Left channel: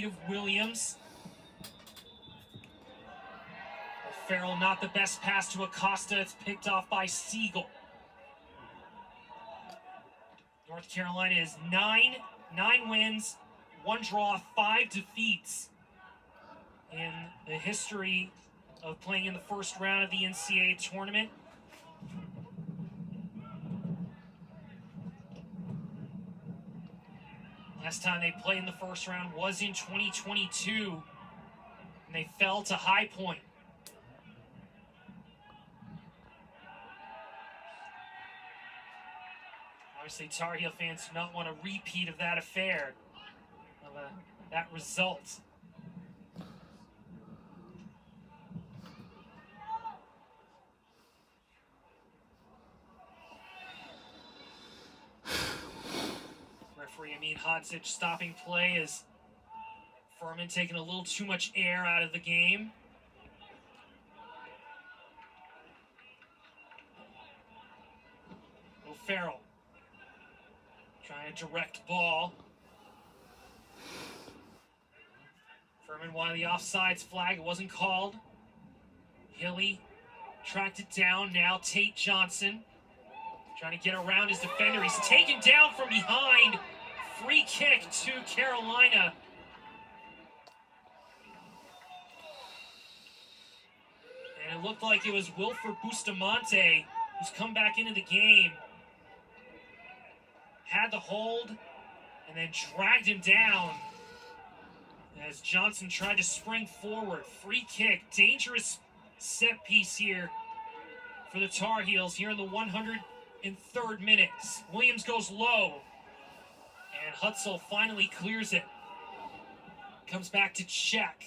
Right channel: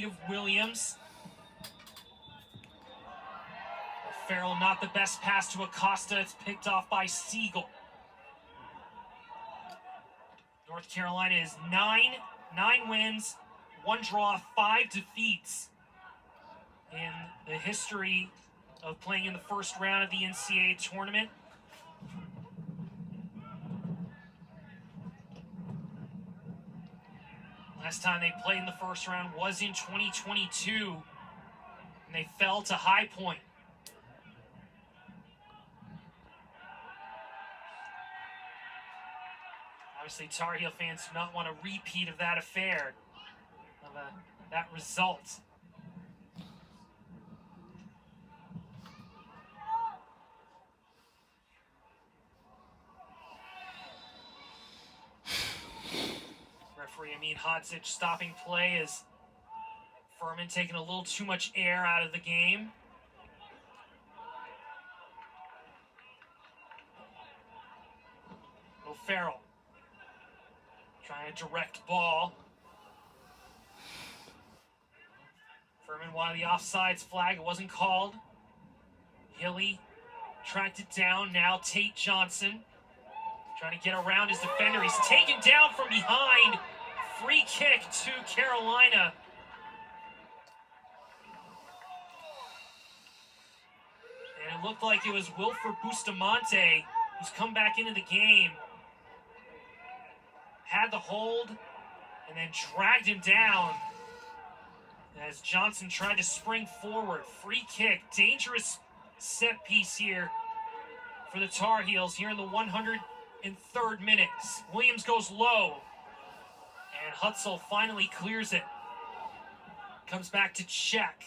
feet of Williams. Farrell not the best pass to Acosta. It's picked off by Siegel. North Carolina is nine wins, 1 draw, 5 defeats in the history of playing in the first round of the NCAA tournament. Last time they played in the first round was in 2022, and they fell to High Point. Obviously, Tar Heel fans do not want a repeat of that affair, of that result. Referee Amin Hodzic stopping play as Furman taking a little too much air out of the game. O'Farrell trying to direct ball. Furman wanted the offsides flag. It wasn't called. Hilly tracked it down. Now Tate Johnson trying to get around his defender. He's taken down from behind. Free kick to Carolina. And it looked like it was Wilfred Bustamante who's come back into the game. Had the hold and then dragged him down as Johnson tried to spring forward. Free kick, dangerous set piece here for the Tar Heels here in the 103rd minute. Williams goes low and Hutzel finally clears it. Comes back to check.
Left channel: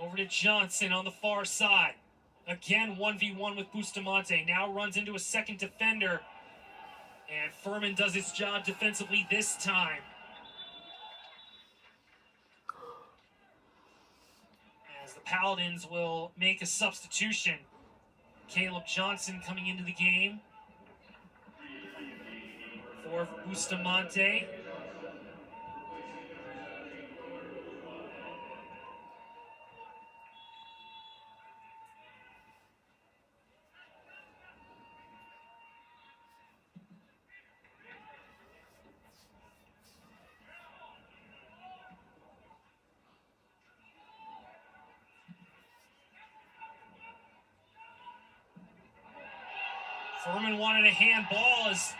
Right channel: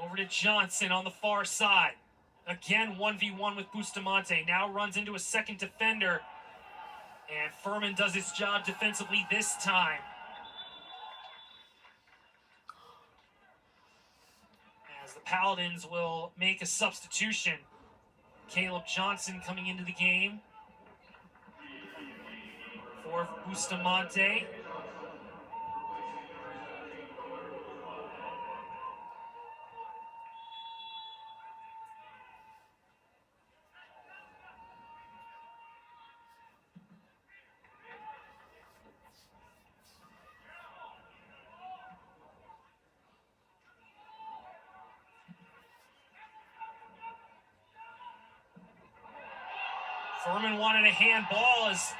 Over to Johnson on the far side. Again 1v1 with Bustamante. Now runs into a second defender. And Furman does his job defensively this time. As the Paladins will make a substitution. Caleb Johnson coming into the game for Bustamante. Furman wanted a handball as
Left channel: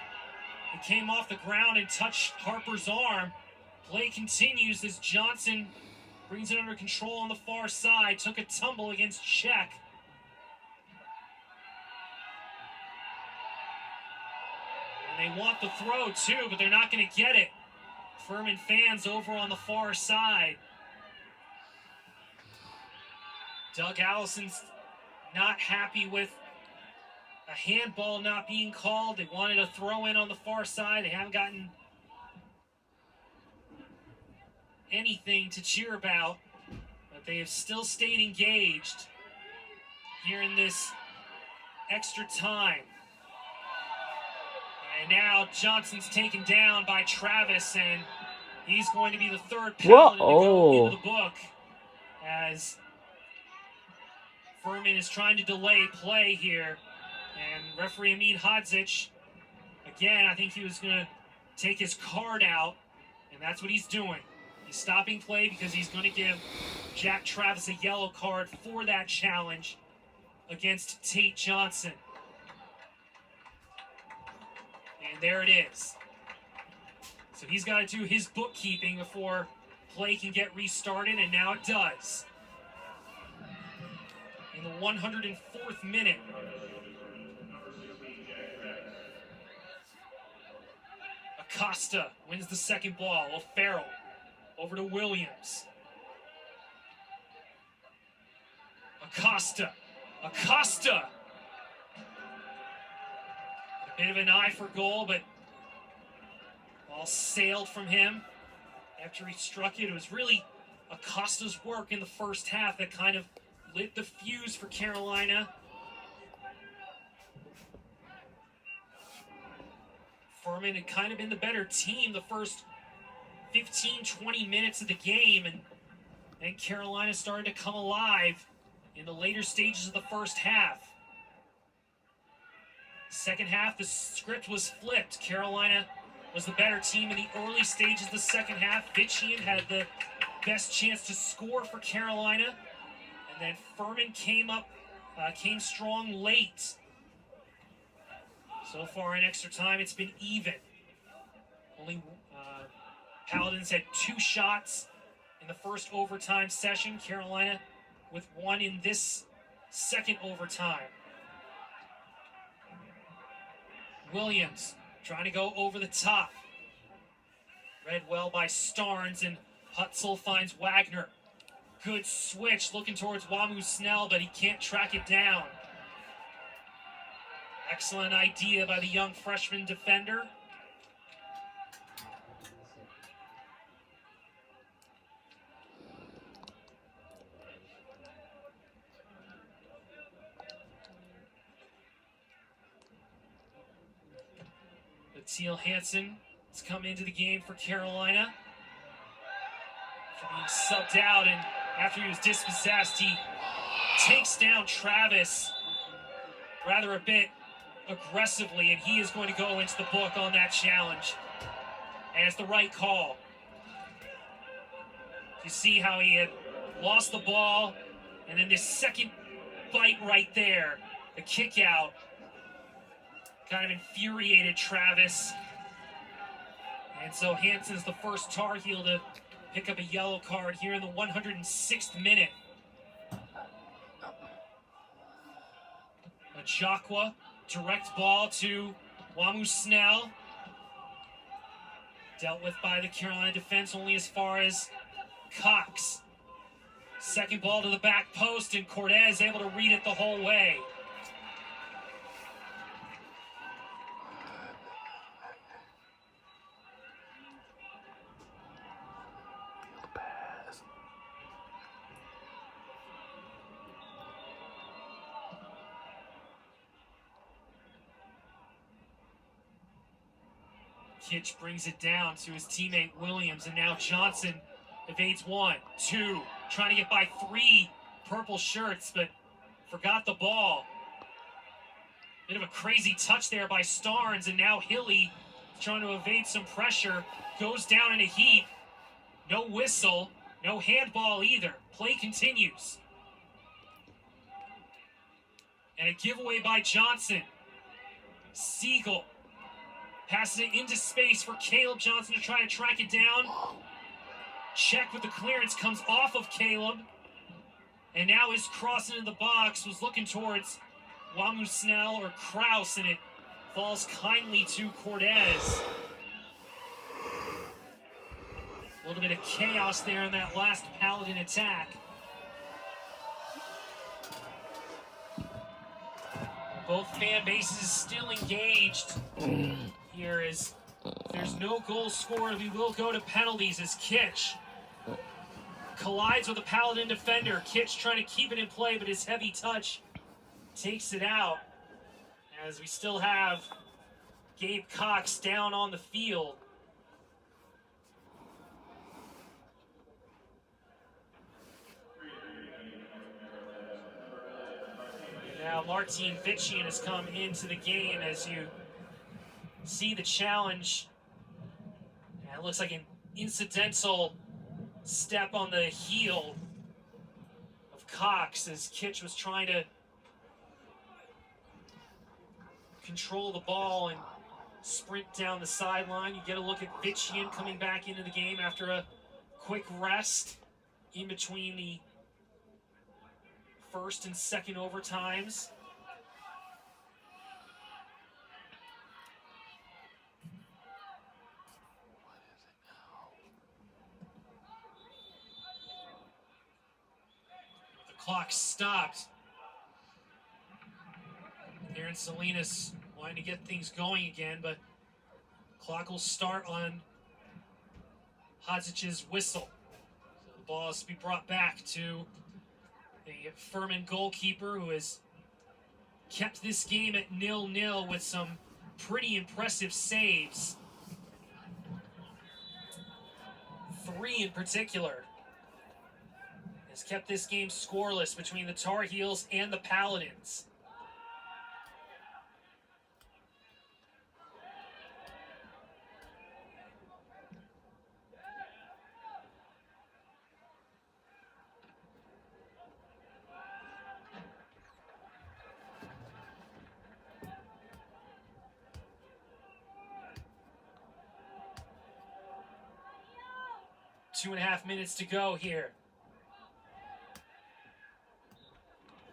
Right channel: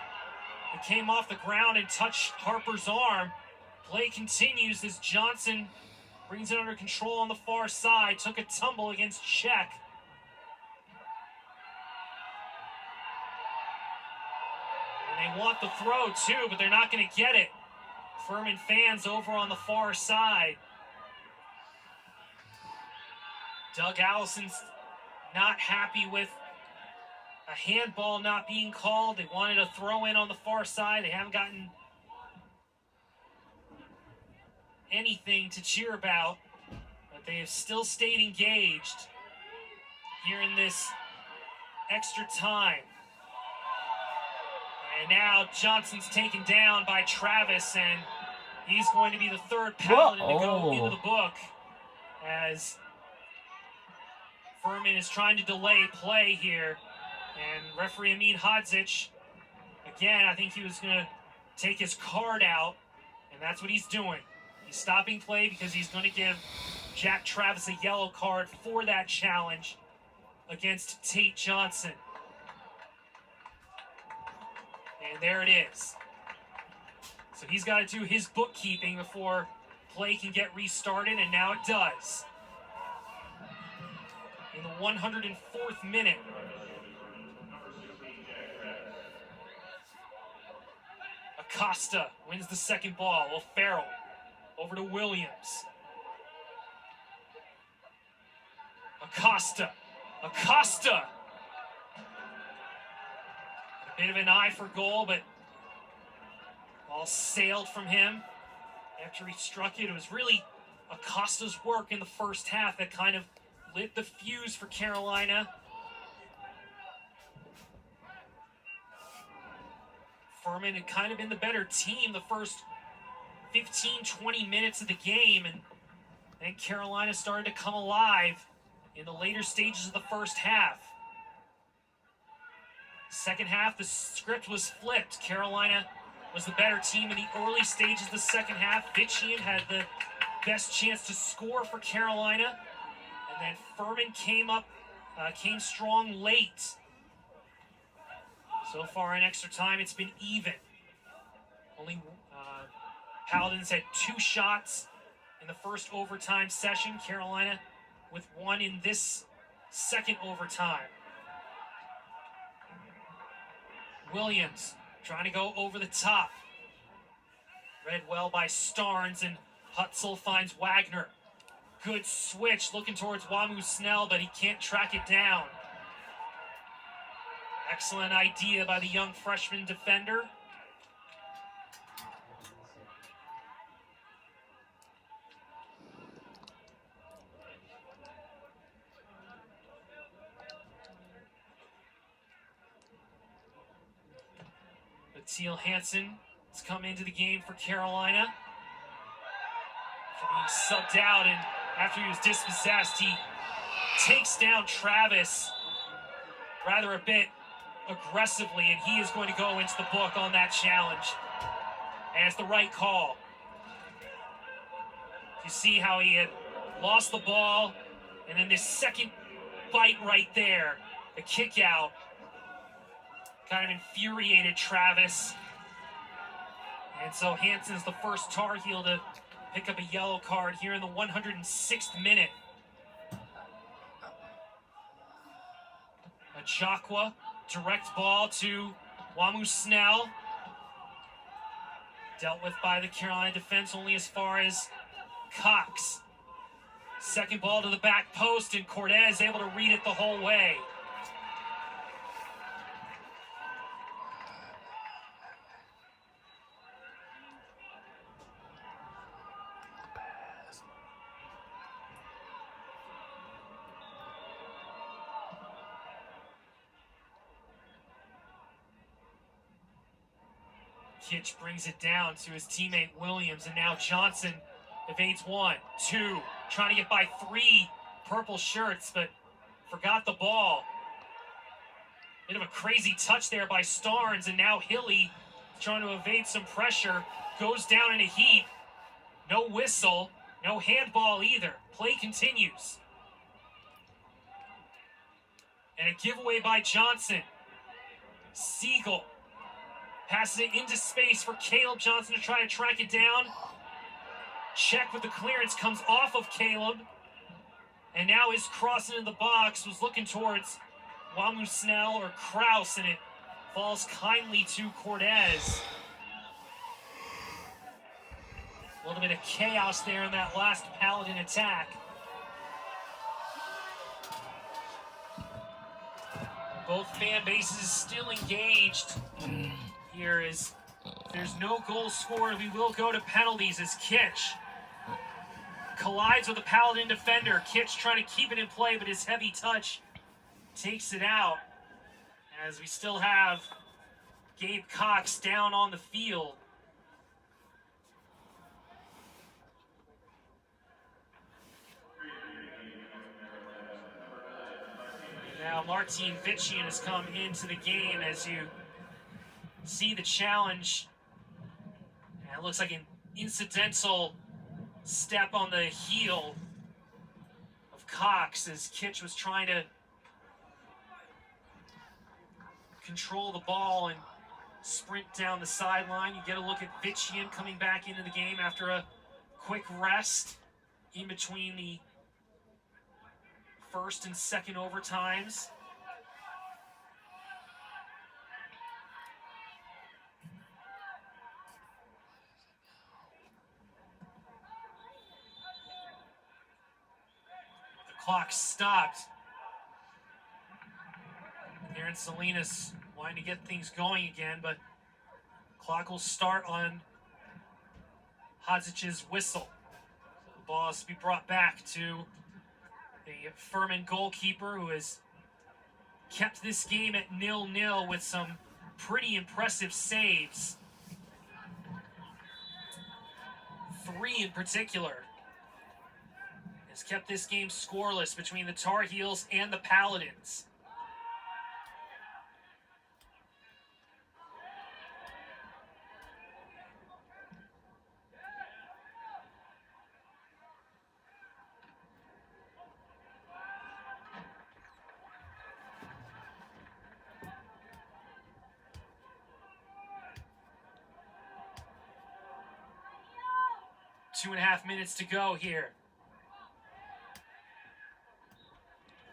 it came off the ground and touched Harper's arm. Play continues as Johnson brings it under control on the far side. Took a tumble against Czech. And they want the throw too, but they're not going to get it. Furman fans over on the far side. Doug Allison's not happy with a handball not being called. They wanted a throw in on the far side. They haven't gotten anything to cheer about, but they have still stayed engaged here in this extra time. And now Johnson's taken down by Travis, and he's going to be the third Paladin to go into the book as Furman is trying to delay play here. And referee Amin Hodzic, again, I think he was going to take his card out, and that's what he's doing. He's stopping play because he's going to give Jack Travis a yellow card for that challenge against Tate Johnson. And there it is. So he's got to do his bookkeeping before play can get restarted, and now it does. In the 104th minute. Acosta wins the second ball. O'Farrell over to Williams. Acosta. A bit of an eye for goal, but ball sailed from him after he struck it. It was really Acosta's work in the first half that kind of lit the fuse for Carolina. Furman had kind of been the better team the first 15, 20 minutes of the game, and then Carolina started to come alive in the later stages of the first half. Second half, the script was flipped. Carolina was the better team in the early stages of the second half. Vitchian had the best chance to score for Carolina, and then Furman came strong late. So far in extra time, it's been even. Only Paladins had 2 shots in the first overtime session. Carolina with 1 in this second overtime. Williams trying to go over the top. Read well by Starnes, and Hutzel finds Wagner. Good switch looking towards Wamu Snell, but he can't track it down. Excellent idea by the young freshman defender. Teal Hansen has come into the game for Carolina after being subbed out, and after he was dispossessed, he takes down Travis rather a bit aggressively, and he is going to go into the book on that challenge. And it's the right call. You see how he had lost the ball, and then this second bite right there, the kick out, kind of infuriated Travis. And so Hansen's the first Tar Heel to pick up a yellow card here in the 106th minute. A Jacqua direct ball to Wamu Snell. Dealt with by the Carolina defense only as far as Cox. Second ball to the back post, and Cortez able to read it the whole way. Kitch brings it down to his teammate Williams, and now Johnson evades 1, 2, trying to get by 3 purple shirts, but forgot the ball. Bit of a crazy touch there by Starnes, and now Hilly trying to evade some pressure, goes down in a heap. No whistle, no handball either. Play continues. And a giveaway by Johnson. Siegel passes it into space for Caleb Johnson to try to track it down. Check with the clearance, comes off of Caleb. And now his cross into the box was looking towards Wamu Snell or Kraus, and it falls kindly to Cortez. A little bit of chaos there in that last Paladin attack. Both fan bases still engaged. Here is, there's no goal scored. We will go to penalties as Kitch collides with a Paladin defender. Kitch trying to keep it in play, but his heavy touch takes it out. As we still have Gabe Cox down on the field. Now Martin Vitchian has come into the game as you see the challenge. And it looks like an incidental step on the heel of Cox as Kitch was trying to control the ball and sprint down the sideline. You get a look at Vitchian coming back into the game after a quick rest in between the first and second overtimes. The clock stopped. Aaron Salinas wanting to get things going again, but clock will start on Hodzich's whistle. So the ball has to be brought back to the Furman goalkeeper, who has kept this game at 0-0 with some pretty impressive saves. 3 in particular, has kept this game scoreless between the Tar Heels and the Paladins. Two and a half minutes to go here.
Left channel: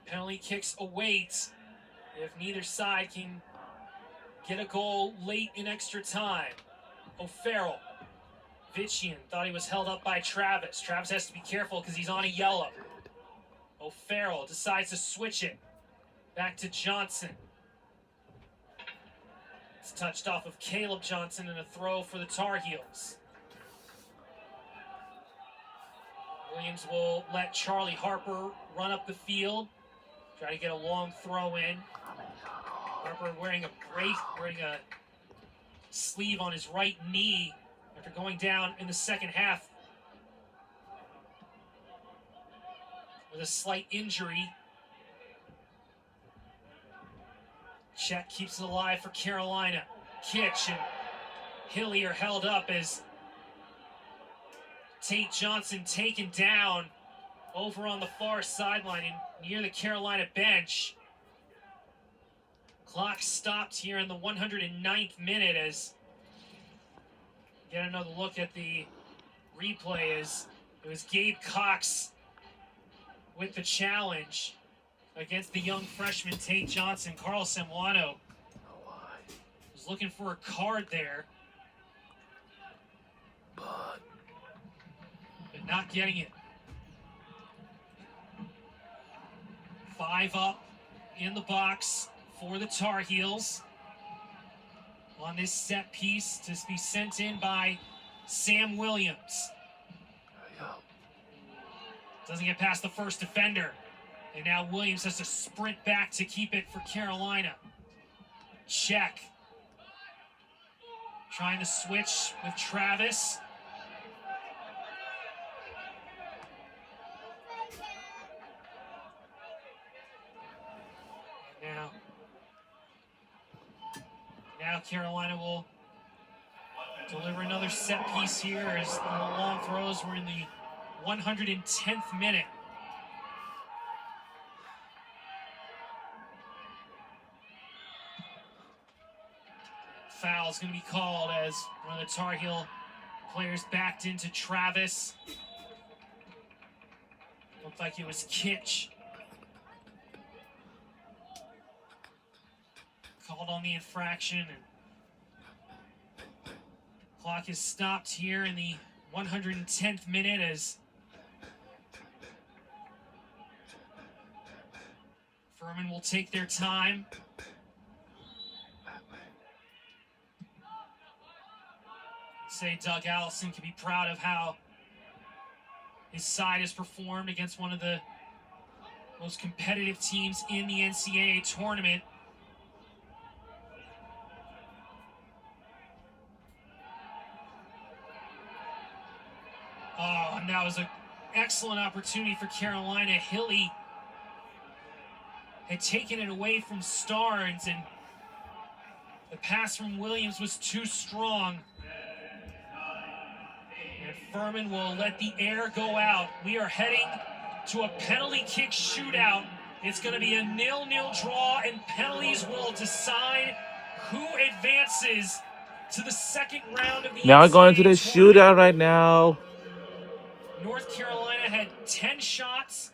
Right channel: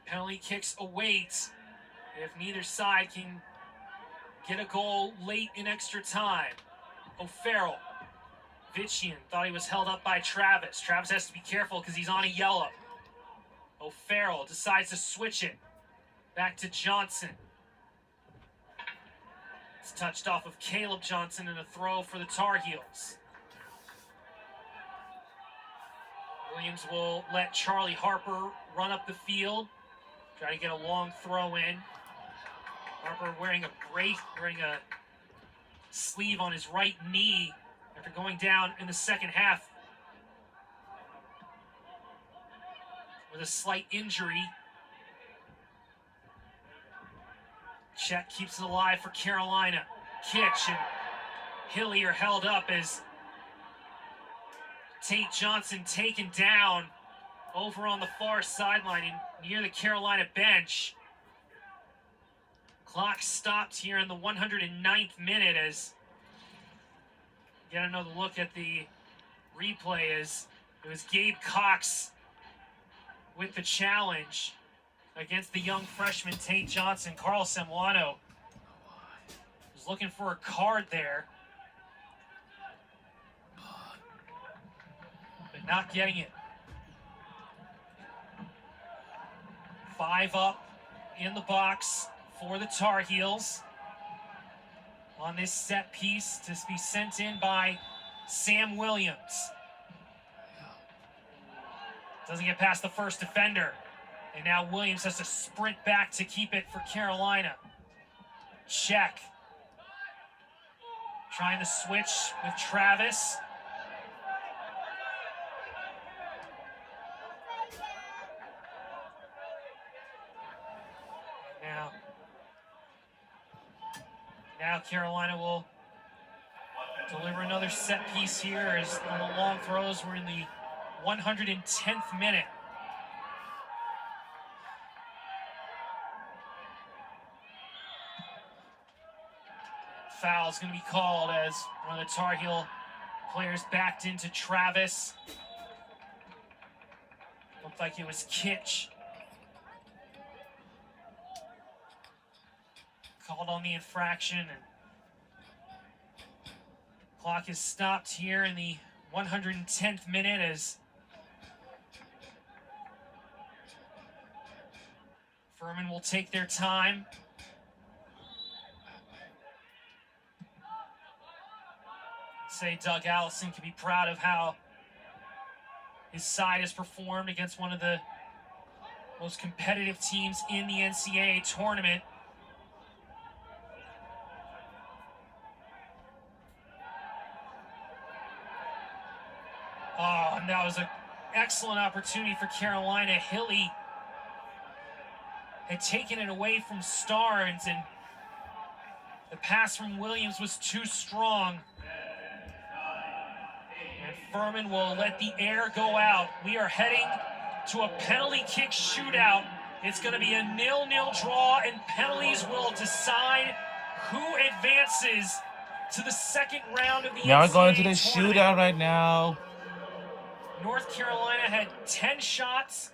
Penalty kicks await if neither side can get a goal late in extra time. O'Farrell. Vitchian thought he was held up by Travis. Travis has to be careful because he's on a yellow. O'Farrell decides to switch it. Back to Johnson. It's touched off of Caleb Johnson and a throw for the Tar Heels. Williams will let Charlie Harper run up the field. Try to get a long throw in. Harper wearing a brace, wearing a sleeve on his right knee after going down in the second half with a slight injury. Check keeps it alive for Carolina. Kitch and Hillier held up as Tate Johnson taken down over on the far sideline near the Carolina bench. Clock stopped here in the 109th minute as get another look at the replay as it was Gabe Cox with the challenge against the young freshman Tate Johnson. Carl Semwano was looking for a card there, but not getting it. 5 up in the box for the Tar Heels on this set piece to be sent in by Sam Williams. Doesn't get past the first defender. And now Williams has to sprint back to keep it for Carolina. Check. Trying to switch with Travis. Now Carolina will deliver another set piece here as the long throws were in the 110th minute. Foul is going to be called as one of the Tar Heel players backed into Travis. Looked like it was Kitch. Called on the infraction, and clock is stopped here in the 110th minute as Furman will take their time. Say Doug Allison can be proud of how his side has performed against one of the most competitive teams in the NCAA tournament. Oh, and that was an excellent opportunity for Carolina. Hilly had taken it away from Starnes, and the pass from Williams was too strong. And Furman will let the air go out. We are heading to a penalty kick shootout. It's going to be a 0-0 draw, and penalties will decide who advances to the second round of the Now we're going to the tournament. shootout right now. North Carolina had 10 shots.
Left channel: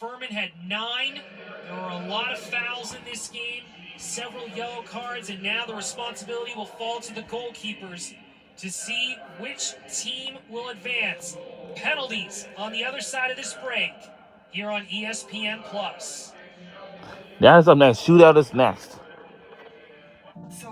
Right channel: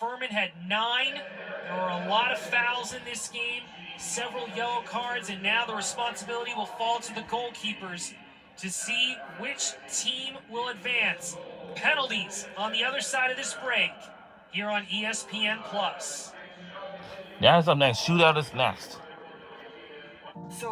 Furman had 9. There were a lot of fouls in this game, several yellow cards, and now the responsibility will fall to the goalkeepers to see which team will advance. Penalties on the other side of this break here on ESPN+. That's up next. Shootout is next. So